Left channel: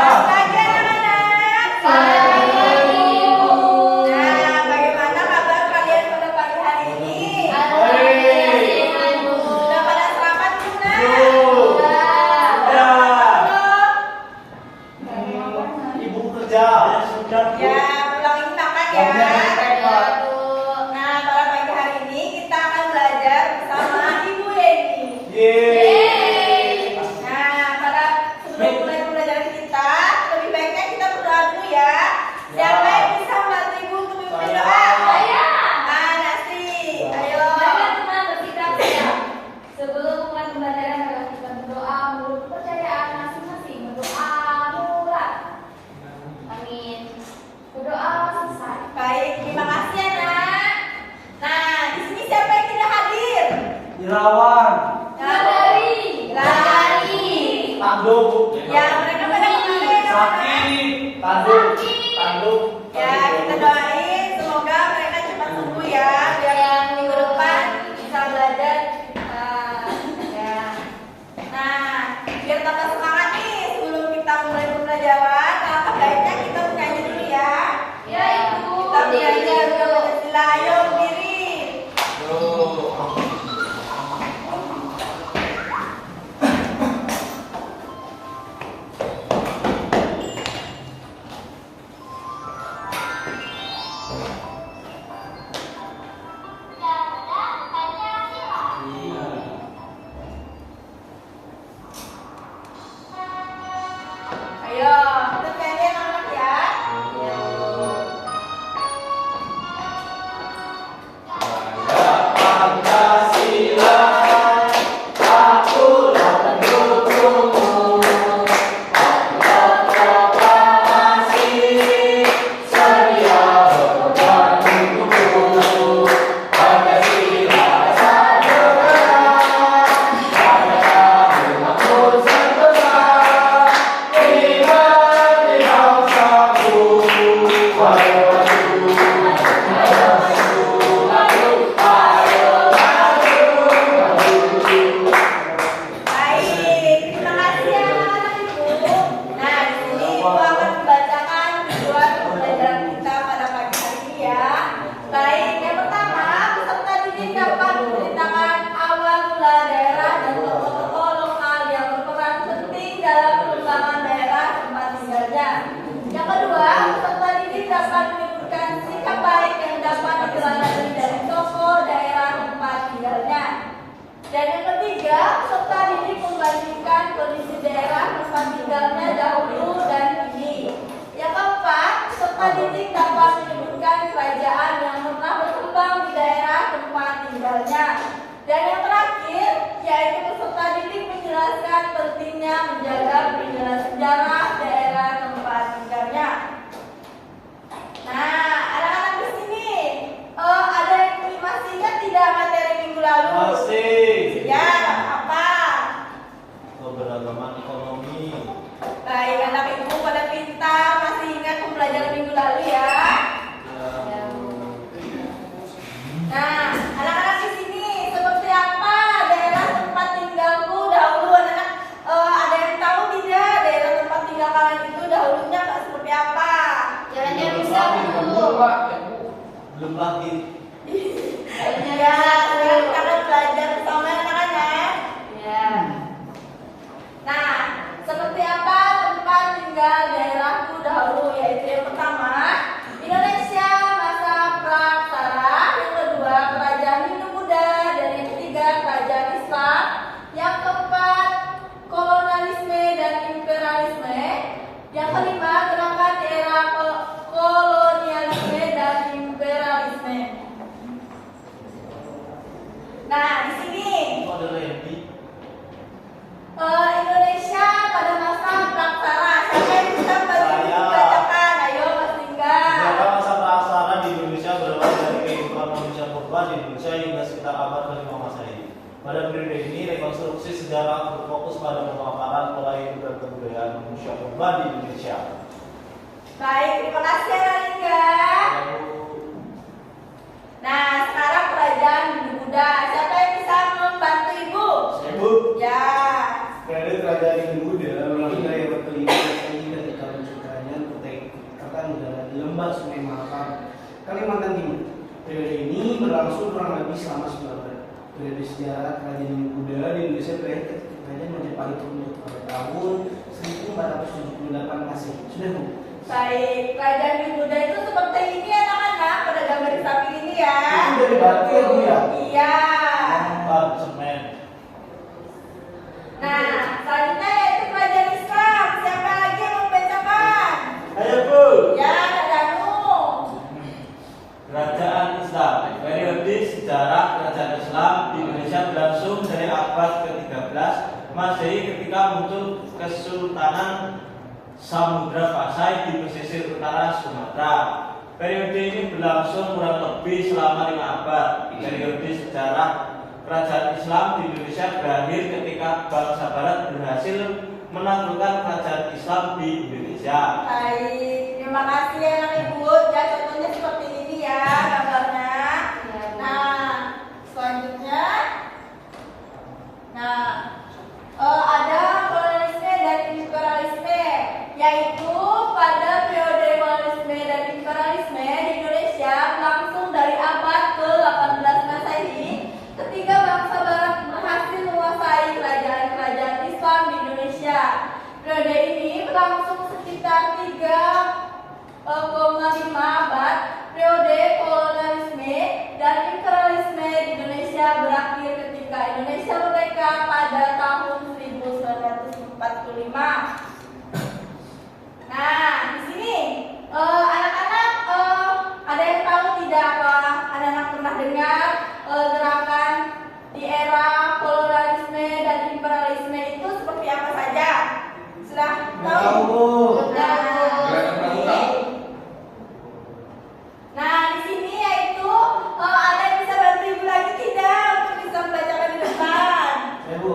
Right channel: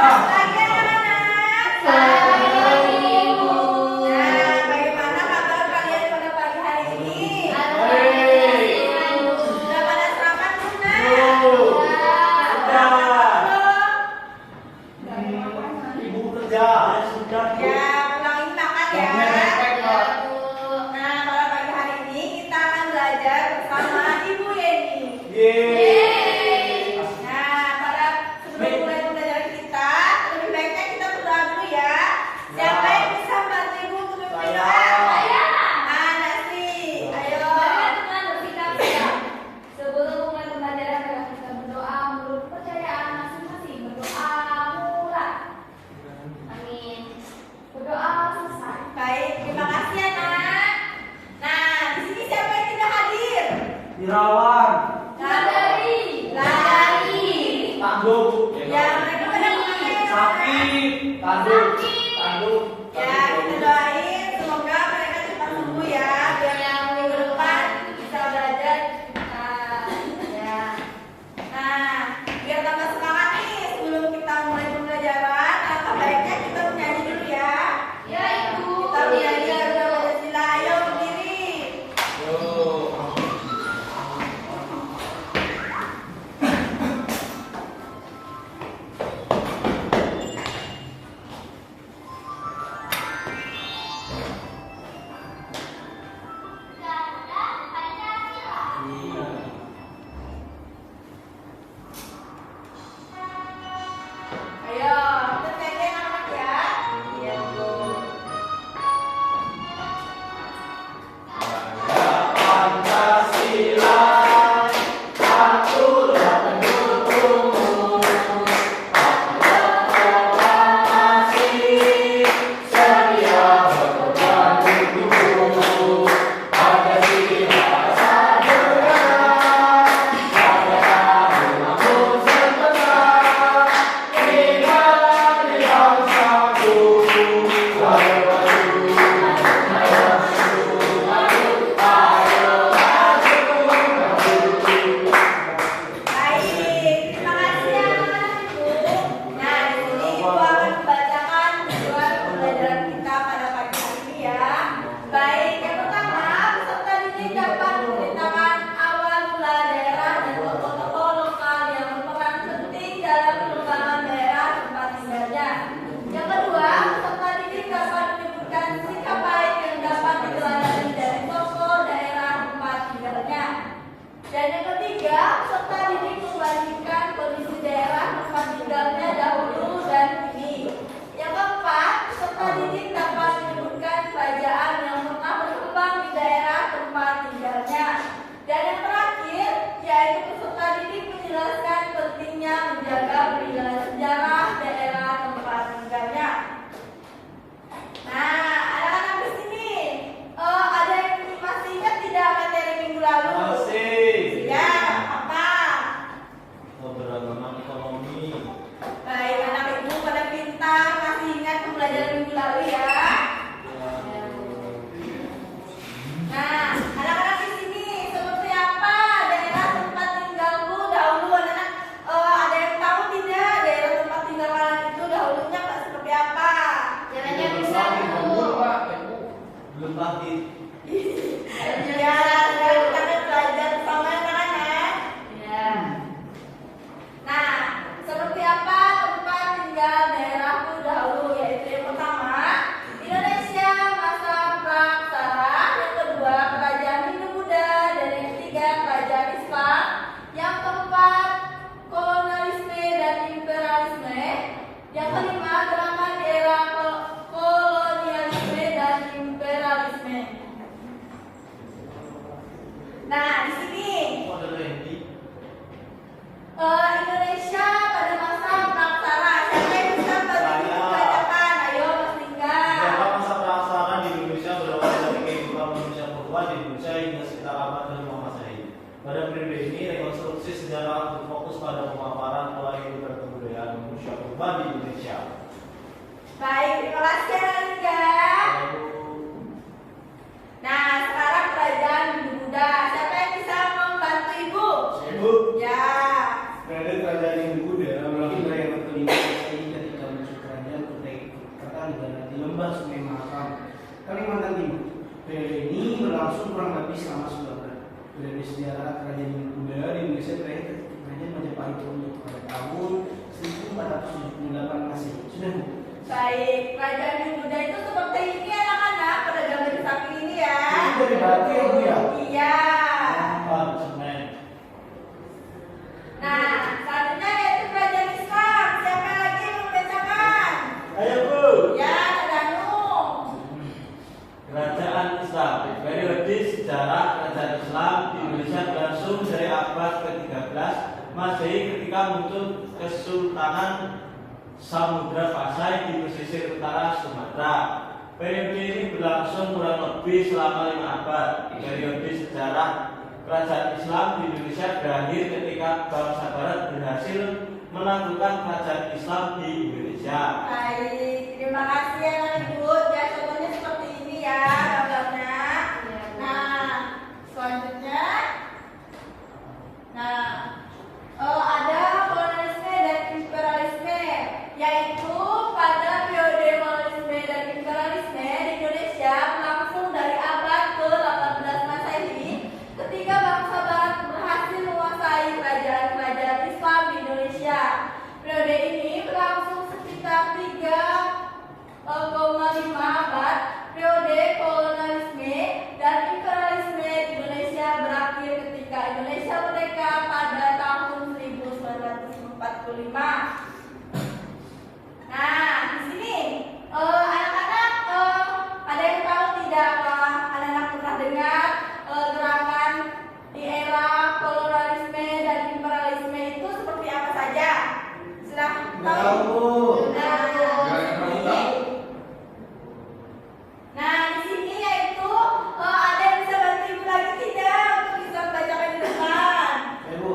Selamat pagi anak-anak. Selamat pagi Ibu. Nah, bagaimana kabar kalian pada pagi hari ini? Sudah pada sarapan belum, Nak? Ibu kerja sudah. Ya, ulangin makan ya. Nah, pada pagi hari ini kita akan belajar bersama Ibu Yeni. Nah, sebelum mulai pembelajaran kita, lebih baiknya kita berdoa dulu ya. Siapa yang bisa membantu Ibu untuk memimpin doa? Ah, Nasi. Ayo. Teman-teman bersikap-sikap. Sebelum mulai pembelajaran adalah kita berdoa menurut kepercayaan masing-masing. Berdoa murah. Amin. Berdoa selesai. Baik, terima kasih ya, Nak. Nah, di sini siapa yang tidak hadir? Irawan, Lari. Tanduk, Ya, mereka pada kemana? Sakit, Tanduk, Tanduk. Ya, kita doain semoga mereka cepat sembuh ya, biar yang minggu depan bisa belajar. Ya. Nah, biar tambah semangat nih sebelum kita mulai pembelajaran, alangkah baiknya kita bernyanyi dulu ya. Ya, Ibu. Kita bernyanyi Garuda Pancasila. Ayo berdiri. Ayo, kita nyanyi anak-anak ya. Pancasila, aturan pendukungmu, proklamasi, sedia berkorban untukmu. Pancasila sadar, pada kami sentosa, lima bangsaku, ayo Baik, terima kasih ya anak-anak Ibu. Nah, di sini Ibu akan membacakan tujuan pembelajaran kita pada pagi hari ini ya. Baik, yang pertama, peserta didik dapat menceritakan awal mula daerah dan tokoh-tokoh lokal yang berperan penting dalam pengembangan daerah tempat tinggalnya. Yang kedua, peserta didik dapat menyebutkan sikap baik yang dapat diteladani dari tokoh daerah tempat tinggalnya. Dan yang ketiga, peserta didik membandingkan kondisi daerah tempat tinggalnya dahulu dan kini. Yang keempat, peserta didik dapat menyebutkan kerajaan yang pernah berkembang di daerah tempat tinggalnya. Dan yang terakhir, yaitu peserta didik menjelaskan pentingnya menjaga peninggalan sejarah daerah tempat tinggalnya. Nah, anak-anak di sini, ada yang masih ingat tidak materi minggu lalu? Masih. Ya, apa? Keberagaman ekonomi. Baik, anak ibu pada pintar, masih ingat pembelajaran minggu lalu ya. Nah, anak-anak di sini seperti apa daerah tempat tinggalku dahulu? Anak-anak ada yang tahu tidak daerah tempat tinggal kalian itu dahulunya seperti apa? Jalannya bisa dulu. Belum pagi. Ya, sekarang kita belajar bersama anak-anak. Ya. Nah, seperti apa tempat tinggal daerahku dahulu? Yaitu yang pertama, Indonesia masa praksara. Yang kedua, kerajaan Hindu Buddha. Dan yang ketiga, kerajaan Islam. Yang keempat, kolonialisme dan imperialisme. Yang kelima, gerakan era kolonialisme dan imperialisme. Nah, di sini Kok ada Randy? Indonesia pada masa praksara. Siapa yang bisa bantu Saya. membacakan? Ayo, Mas Tingga. Beberapa masa praksara di Indonesia berawal dari kehidupan manusia purba di Indonesia hingga sekitar abad ke-5 Masehi. Pada periode ini, rekonstruksi sejarah berfokus pada pemaparan pola hidup dan kebudayaan manusia purba di Indonesia. Baik, terima kasih Mas Tingga. Nah, sekarang kerajaan Hindu Buddha. Siapa yang bisa membantu Ibu? Ibu, Ya. kredit kerajaan Hindu Buddha lahir kelima Kalimantan Timur. Periode ini berlangsung kurang lebih selama 9 bulan. Periode sejarah kerajaan Buddha di Indonesia berakhir ketika kerajaan Majapahit runtuh pada tahun 1478 Masehi. Sudah Bu? Baik, kerajaan di Buddha itu seperti ini anak-anak, pada gambar di samping ini ya. Itu dari batu ya Bu ya? Iya. Ban semen. Nah, selanjutnya yaitu kerajaan Islam. Siapa lagi yang membacakan? Ayo Bu. Ya, Danu. Kerajaan Islam. Periode sejarah kerajaan Islam di Indonesia berlangsung dari abad ke-13 Masehi ketika muncul Kesultanan Samudra Pasai di pesisir utara Sumatera. Periode ini berlangsung kurang lebih selama 5 abad. Periode sejarah kerajaan Islam di Indonesia berakhir ketika bangsa Barat berhasil menaklukkan kerajaan Islam di Indonesia. Baik, terima kasih anak ibu. Ya, contohnya seperti ini ya gambarnya. Nah, selanjutnya, ada kolonialisme dan imperialisme, yaitu pada periode kolonialisme dan imperialisme di Indonesia berlangsung dari abad ke-18 Masehi ketika bangsa Barat berhasil menguasai kerajaan-kerajaan Islam di Indonesia. Periode ini berlangsung sekitar 3,5 abad. Periode kolonialisme dan imperialisme di Indonesia berakhir ketika Indonesia merdeka pada tahun 1945. Nah, di sini anak-anak ada yang tahu tidak apa? Anak-anak pernah dengar gerakan di era kolonialisme dan imperialisme itu seperti apa saja? Sudah tahu? Tahu Bu. Sudah. Nah, di sini yaitu ada yang bisa bantu ibu lagi tidak untuk bisa membacakan di depan? Ya Bu.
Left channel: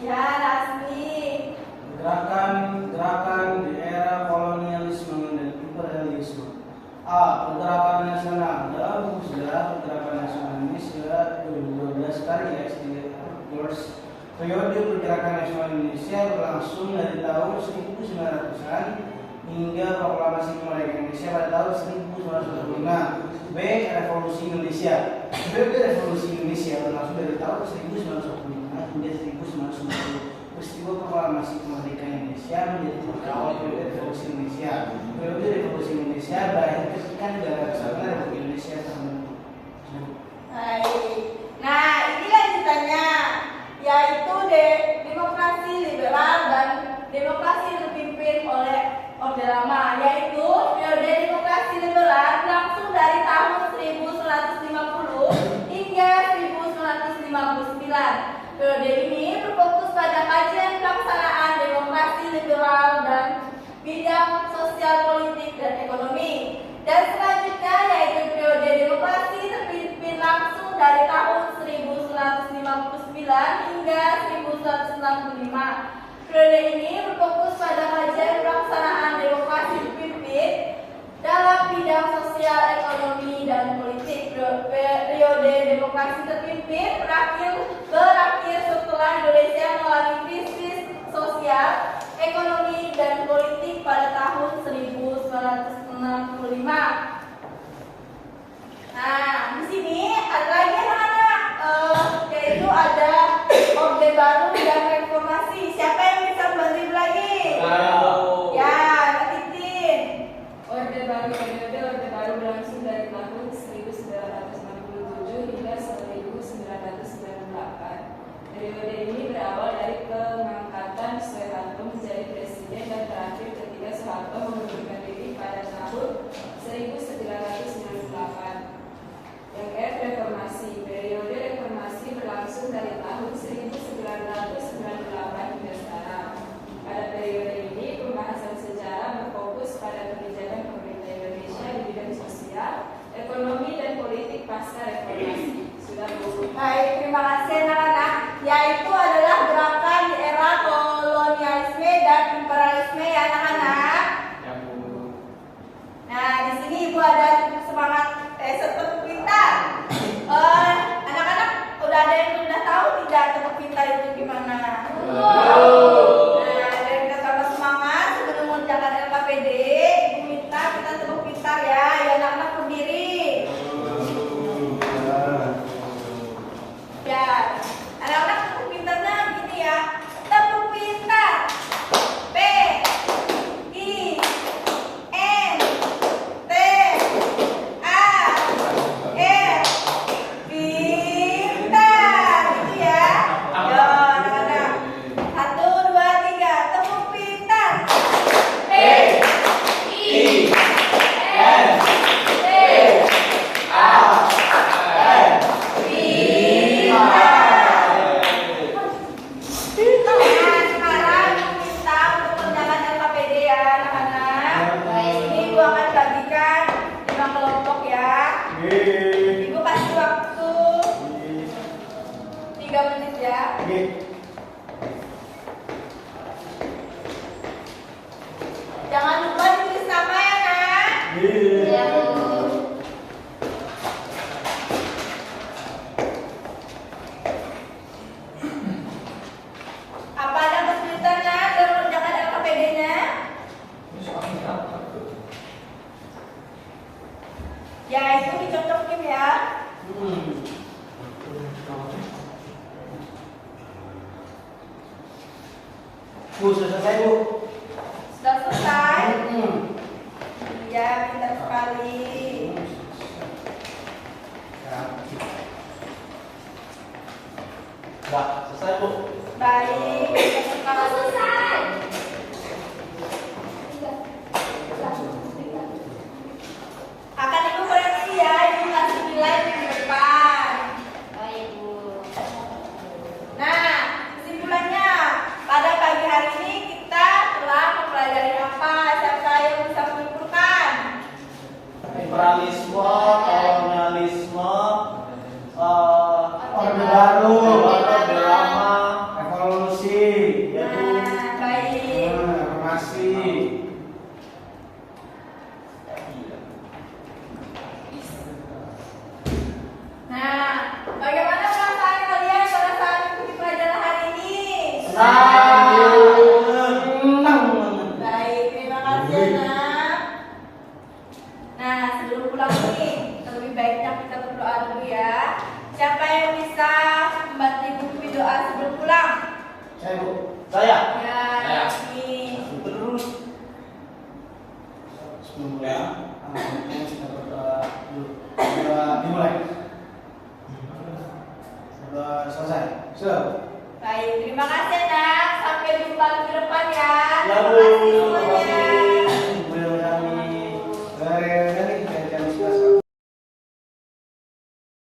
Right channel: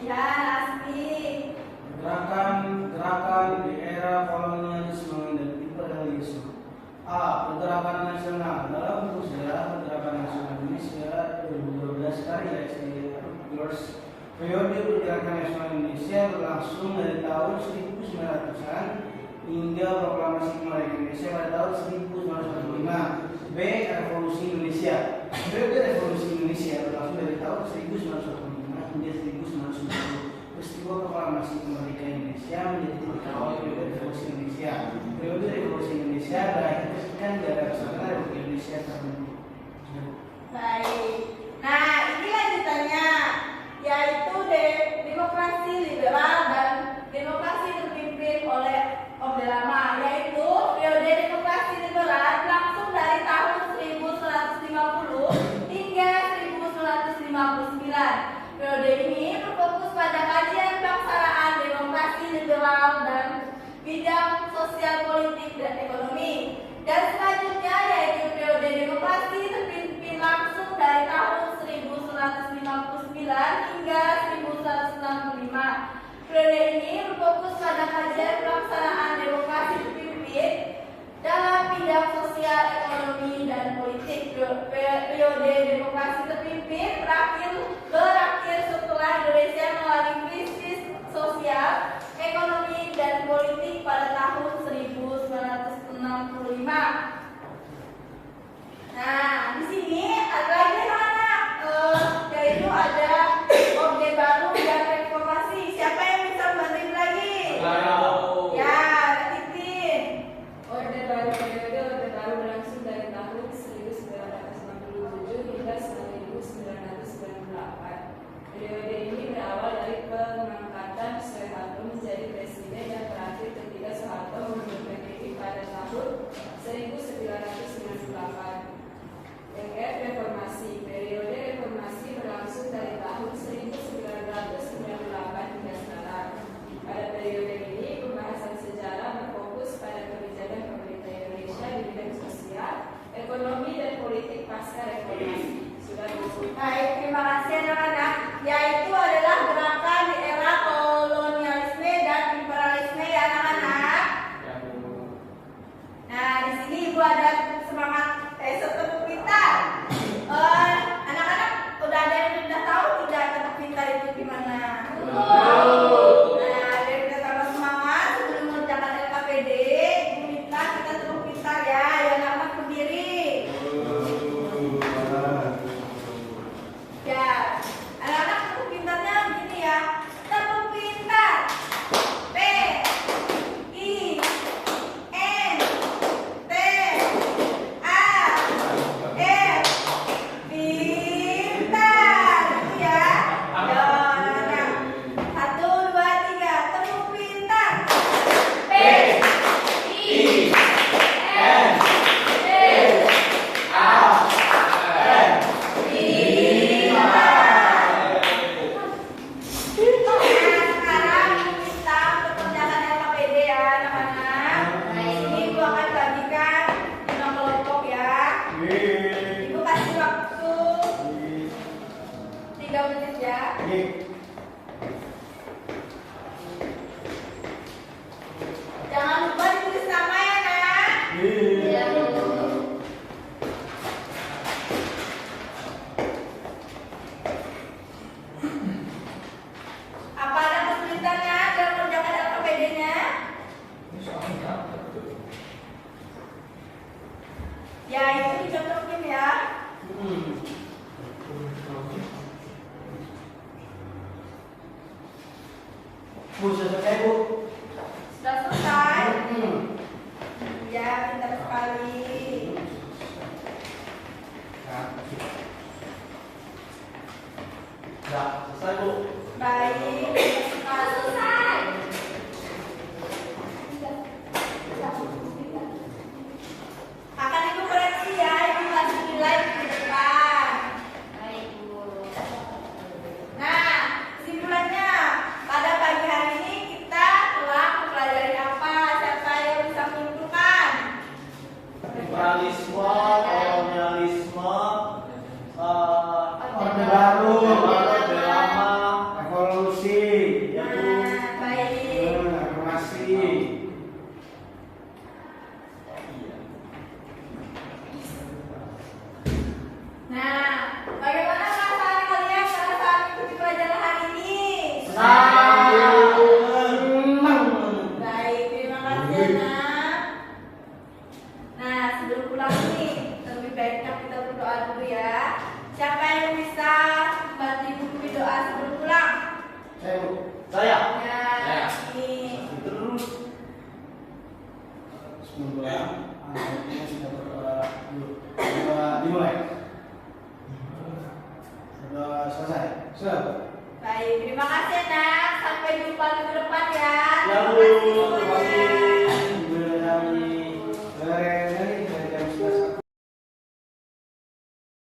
Ya, Rasmi. Gerakan di era kolonialisme dan imperialisme. A. Pergerakan nasional. Dalam buku sejarah Pergerakan Nasional Indonesia 2012 karya S.T. George, periode Pergerakan Nasional Indonesia berlangsung dari tahun 1900-an hingga proklamasi kemerdekaan Indonesia pada tahun 1945. B. Revolusi Indonesia. Periode Revolusi Indonesia berlangsung dari tahun 1945 hingga 1990. Peristiwa proklamasi kemerdekaan Indonesia menjadi awal periode Revolusi Indonesia. Periode Revolusi Indonesia berakhir ketika negara kesatuan Republik Indonesia terbentuk. Baik. Nah, ini lanjutannya yaitu demokrasi liberal dan demokrasi terpimpin oleh Orde Lama, yaitu periode demokrasi liberal berlangsung dari tahun 1950 hingga 1959. Periode ini berfokus pada kajian pelaksanaan demokrasi liberal dan bidang sosial, politik, dan ekonomi. Dan selanjutnya yaitu periode demokrasi terpimpin langsung dari tahun 1959 hingga 1965. Periode ini berfokus pada kajian pelaksanaan demokrasi terpimpin dalam bidang sosial, ekonomi, dan politik. Periode demokrasi terpimpin berakhir setelah Indonesia mengalami krisis sosial, ekonomi, dan politik pada tahun 1965. Nah, di sini ada lagi anak-anak, yaitu ada Orde Baru dan Reformasi. Siapa yang bisa membantu ibu lagi? Ya, Titin. Orde Baru berlangsung dari tahun 1967 hingga 1998. Periode ini berawal dari pengangkatan Soeharto menjadi presiden dan terakhir ketika Soeharto mengundurkan diri pada tahun 1998. Yang reformasi. Periode reformasi berlangsung dari tahun 1998 hingga sekarang. Pada periode ini pembahasan sejarah berfokus pada kebijakan pemerintah Indonesia di bidang sosial, ekonomi, dan politik pasca reformasi. Sudah Bu. Baik, terima kasih anak-anak. Yaitu adalah gerakan di era kolonialisme dan imperialisme ya anak-anak. Nah, di sini ibu ada semangat tepuk pintar. Anak-anak udah ada yang udah tahu tidak tepuk pintar itu gimana? Nah, dari kita tambah semangat sebelum mengerjakan LKPD, ibu minta kita tepuk pintar ya. Ayo anak-anak berdiri. Bu, sudah selesai Bu. Sudah selesai? Hmm. Iya, pintar sekali. Enggak, selesai Bu. Baik, pintar sekali. Akan Ibu koreksi ya, Ibu kasih nilai di depan. Baik, Bu. Nah, kesimpulannya, pada pagi hari ini kita telah mempelajari apa? Siapa yang bisa menyimpulkan? Liberalisme, kolonialisme, Orde Baru, Orde Lama, revolusi, yaitu Nah, baik. reformasi. Nah, bagaimana perasaan kalian pada saat mengikuti pelajaran hari ini? Senang. Baik, terima kasih Nak. Nah, sebelum pulang nih, lebih baiknya kita berdoa dulu ya. Siapa yang bisa membantu Ibu berdoa sebelum pulang? Saya Bu. saya. Ya, nih. Terus Bismillah. Akhirnya kita berdoa dulu. Sudah dimulai. Sudah selesai. Sudah. Baik, terima kasih Nak. Sampai jumpa minggu depan ya. Ya, Terima Bu. kasih Terima semuanya. kasih.